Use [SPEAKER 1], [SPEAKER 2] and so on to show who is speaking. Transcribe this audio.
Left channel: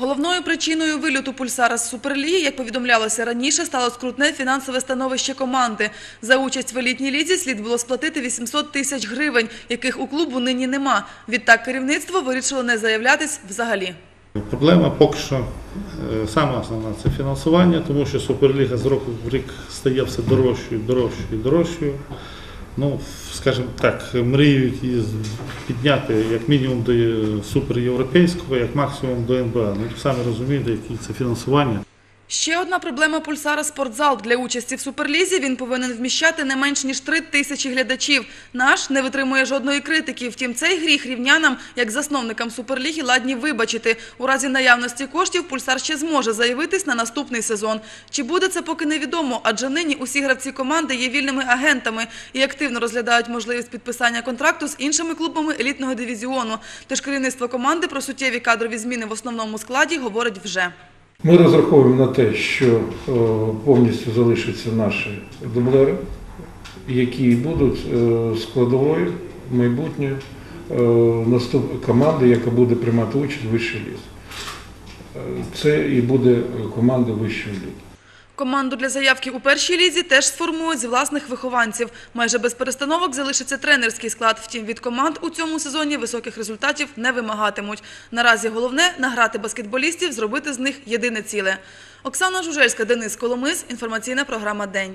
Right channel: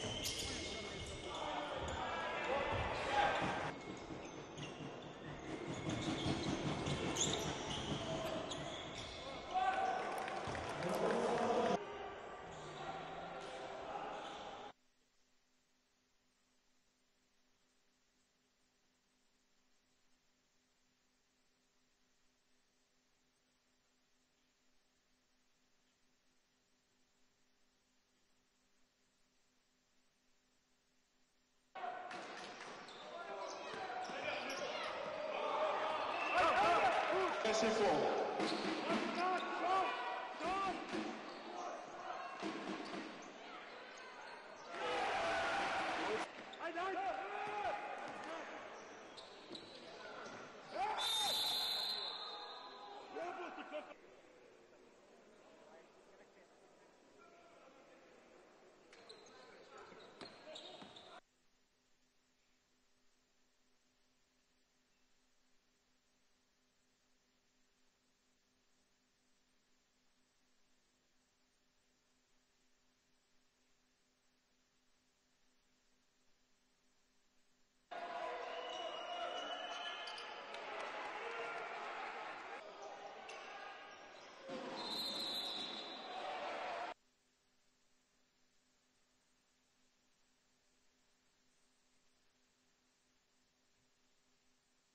[SPEAKER 1] Головною причиною вильоту пульсара з Суперліги, як повідомлялося раніше, стало скрутне фінансове становище команди. За участь в елітній лізі слід було сплатити 800 тисяч гривень, яких у клубу нині нема. Відтак керівництво вирішило не заявлятись взагалі.
[SPEAKER 2] Проблема поки що е, саме основна це фінансування, тому що Суперліга з року в рік стає все дорожчою, дорожчою дорожчою. Ну, скажімо так, мріють її підняти як мінімум до суперєвропейського, як максимум до НБА. Ну, самі розумієте, які це фінансування.
[SPEAKER 1] Ще одна проблема пульсара – спортзал. Для участі в Суперлізі він повинен вміщати не менш ніж три тисячі глядачів. Наш не витримує жодної критики. Втім, цей гріх рівнянам, як засновникам Суперліги, ладні вибачити. У разі наявності коштів пульсар ще зможе заявитись на наступний сезон. Чи буде це поки невідомо, адже нині усі гравці команди є вільними агентами і активно розглядають можливість підписання контракту з іншими клубами елітного дивізіону. Тож керівництво команди про суттєві кадрові зміни в основному складі говорить вже.
[SPEAKER 3] Ми розраховуємо на те, що повністю залишаться наші дублери, які будуть е, складовою майбутньої е, команди, яка буде приймати участь в вищій лізі. Е, Це і буде команда вищої ліги.
[SPEAKER 1] Команду для заявки у першій лізі теж сформують з власних вихованців. Майже без перестановок залишиться тренерський склад. Втім, від команд у цьому сезоні високих результатів не вимагатимуть. Наразі головне – награти баскетболістів, зробити з них єдине ціле. Оксана Жужельська, Денис Коломис. Інформаційна програма «День».